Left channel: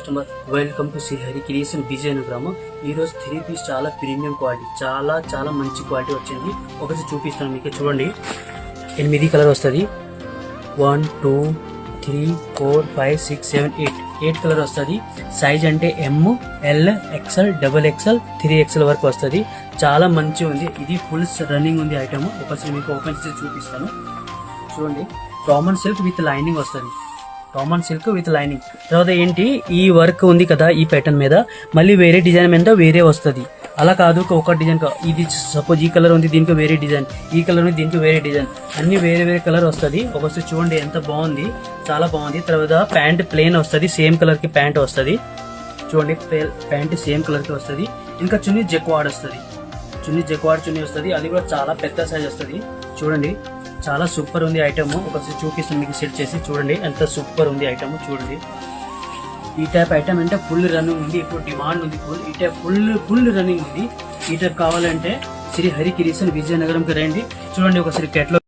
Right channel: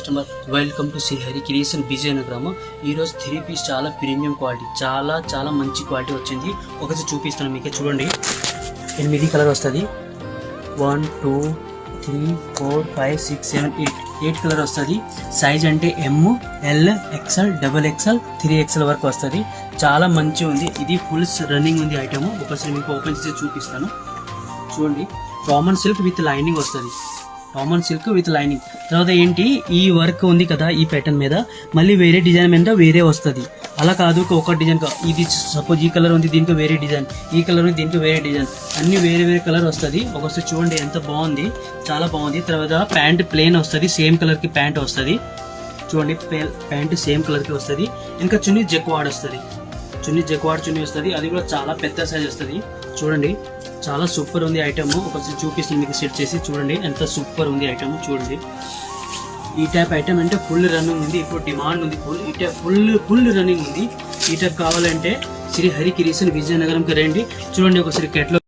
Customer, welcome to Shri Hari creation Vizianagaram. ఈరోజు 3 piece చాలా premium quality, చాలా మంచి క్వాలిటీ వచ్చింది. ఒకసారి చూపిస్తాను మీకు. చూడండి, 8 కలర్ వస్తుంది. 1 2 3 4 5 6 7 8 కలర్ వస్తుంది. సైజ్ అంటే ఎమ్, ఎల్, ఎక్స్ఎల్, XXL, 3XL వరకు వస్తుంది. చాలా మంచి ఉంది. ఇది ఫుల్ రన్నింగ్ ఉంది ఐటమ్. ఒకసారి మీకు ఓపెన్ చేసి చూపిస్తాను. చూడండి, కామన్ సిల్క్ విత్ లైనింగ్ వస్తుంది. Common silk with lining. తర్వాత ఏంటి, ఈ వర్క్ ఉంది కదా ఈ ప్యాటర్న్ మీద, మళ్ళీ వేరే డిజైన్ మీద వేరే వస్తుంది. అలా కాదు ఒక డిజైన్. ఇది సపోజ్ ఈ కలర్ ఉంది, దీనికి వేరే డిజైన్, ఈ కలర్ ఉంది, దీనికి వేరే డిజైన్, అన్ని వేరే కలర్ వస్తుంది. ఒకసారి చూడండి ఎంత బాగుంది, చాలా బాగుంది. తర్వాత ప్యాంట్ ప్లేన్ వస్తుంది, సేమ్ కలర్ కి ప్యాంట్ వస్తుంది. చూడండి, ప్యాంట్ సేమ్ కలర్ కి వస్తుంది. ఇంకా చున్నీ జెక్వాడ్ వస్తుంది. చున్నీ వస్తుంది. అది కూడా చాలా పెద్ద సైజ్ వస్తుంది. చూడండి, చాలా సూపర్ ఉంది ఐటమ్. ఒకసారి చూపిస్తుంది మీకు సెట్ చేసి. చూడండి ఎంత సూపర్ ఉంది ఐటమ్. చూడండి, ఈ టైప్ ఐటమ్ అంటే ఫుల్ రన్నింగ్ ఉంది. ఇప్పుడు డిమాండ్ ఉంది. ఈ టైప్ ఫుల్ రన్నింగ్ ఉంది. ఈ టైప్ కావాలంటే శ్రీ హరి క్రియేషన్ విజయనగరంకి రండి. చూడండి ఒకసారి కేటలాగ్.